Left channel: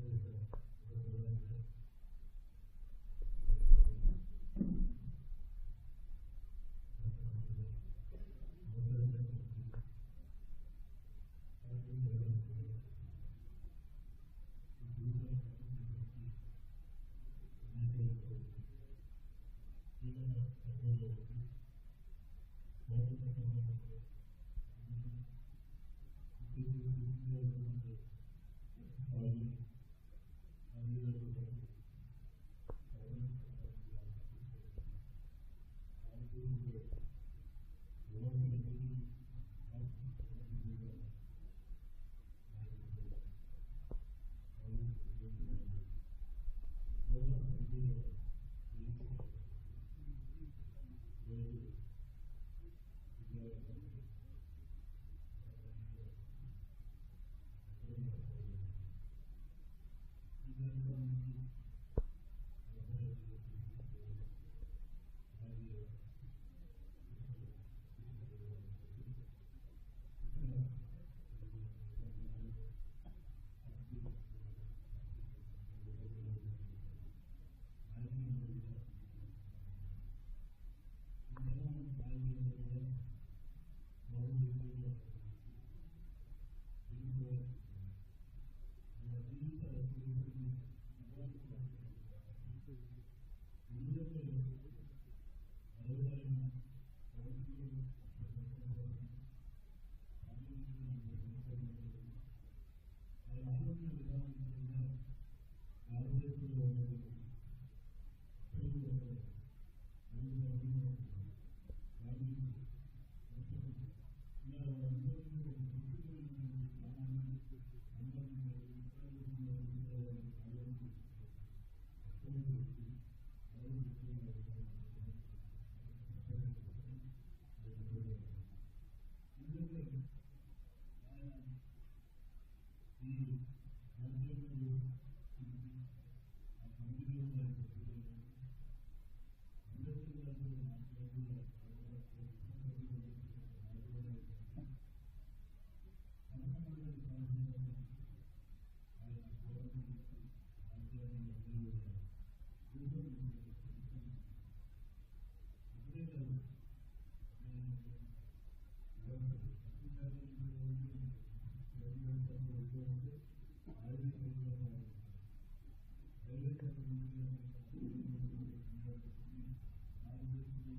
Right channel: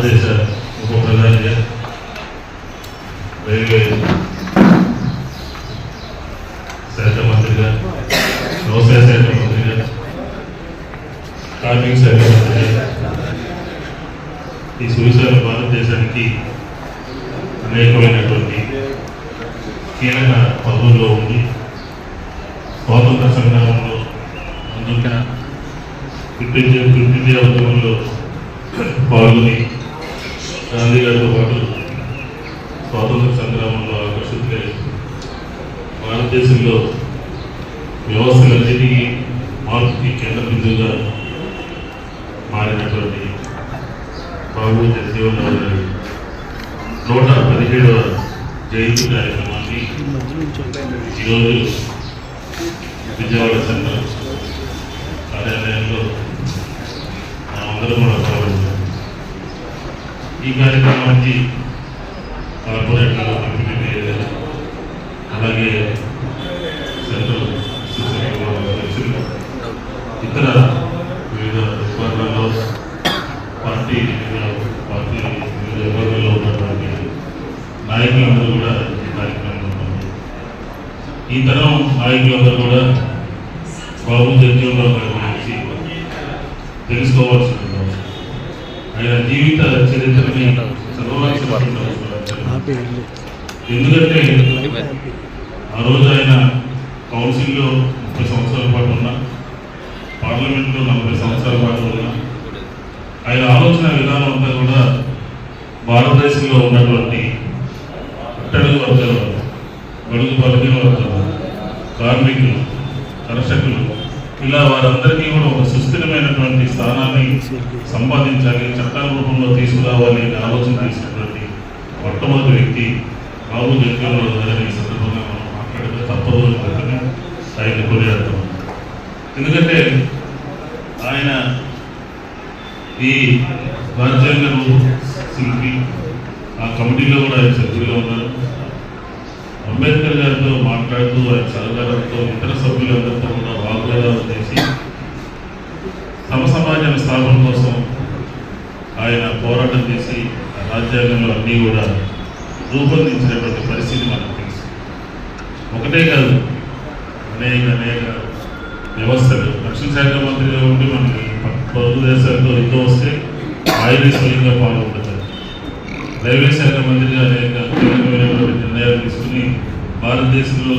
భారతదేశ ఉప ప్రధానిగా రైల్వే శాఖ మంత్రిగా, వ్యవసాయ శాఖ మంత్రిగా, కార్మిక శాఖ మంత్రిగా ఈ సువిశాల భారతదేశానికి అనేకమైనటువంటి కీలక పదవుల్లో ఉండి స్వాతంత్ర సంగ్రామంలో ముందుగా క్విట్ ఇండియా ఉద్యమంలో పాల్గొని గాంధీ గారితో పాటు స్వాతంత్ర సంగ్రామంలో ఆకర్షితులై భారతదేశంలో వ్యవస్థలన్నిటికీ మార్పుకి కేంద్ర బిందువుగా మారినటువంటి బాబు జగజీవన్ రావు గారి 117వ జయంతి కార్యక్రమాన్ని ఈరోజు విజయవాడ సెంట్రల్ కార్యాలయంలో అందరూ కూడా పాల్గొన్నారు. ఈ కార్యక్రమానికి కార్పొరేటర్లు, డిప్యూటీ మేయర్, అలాగే సెంట్రల్ అధ్యక్షులు, ఇతర వివిధ విభాగాల్లో పార్టీ వివిధ విభాగాల్లో ఉన్నటువంటి నాయకులందరూ కూడా ఈ కార్యక్రమంలో ఉన్నారు. ఈ తరం నాయకులందరూ కూడా బాబు జగజీవన్ రావు గారి గురించి తెలుసుకోవాల్సి ఉంటుంది. ఆయన జీవిత చరిత్రని చదవాల్సిన ఎందుకంటే ఆ రోజు ఆయన కౌన్సిల్లో 30 సంవత్సరాల పాటు ఉన్నా, పార్లమెంట్లో 40 సంవత్సరాల పాటు ఉన్నా, ఆయన ఆలోచన విధానం అంతా కూడా భారతదేశంలో ఉన్నటువంటి అట్టడుగు వర్గాల వారు, బడుగు బలహీన వర్గాలు, కార్మికులు, కర్షకులు, ఇలా వారందరికీ కూడా ఒక సుస్థిరమైనటువంటి స్థానాన్ని సంపాదించాలి, చట్టాల రూపంలో తీసుకురావాలి అనే ఆలోచన చేసినటువంటి మొట్టమొదటి వ్యక్తి బాబు జగజీవన్ రావు గారిని ఈ సందర్భంగా మనం మాట్లాడితే తప్పదు అని ఆయన కొనియాడుతాం. ఎందుకంటే ఆయన ఈ రాజ్యాంగ శిల్పి, ఆ కమిటీలో కూడా ఆయన సభ్యులుగా ఉన్నారు. అంబేద్కర్ గారితో మాట్లాడుతూ ఆయన సహకారంతో ఇతర సభ్యులందరితో కూడా వాగ్వాదాలు చేసి సమాజం స్థాపన కోసం ఆయన పోరాటం చేసి రాజ్యాంగంలో అన్నీ కూడా రూపొందించినటువంటి పరిస్థితి మనకు తెలుసు. ఒకటే కాదు, అనేక వ్యవస్థలు. రక్షణ శాఖ మంత్రిగా ఉండి మనకి పొరుగు దేశాలతో యుద్ధం వస్తే ఆయనే స్వయంగా పాల్గొంటారు. రైల్వే శాఖ మంత్రిగా అనేక కీలకమైనటువంటి నిర్ణయాలు తీసుకుని భారతదేశంలో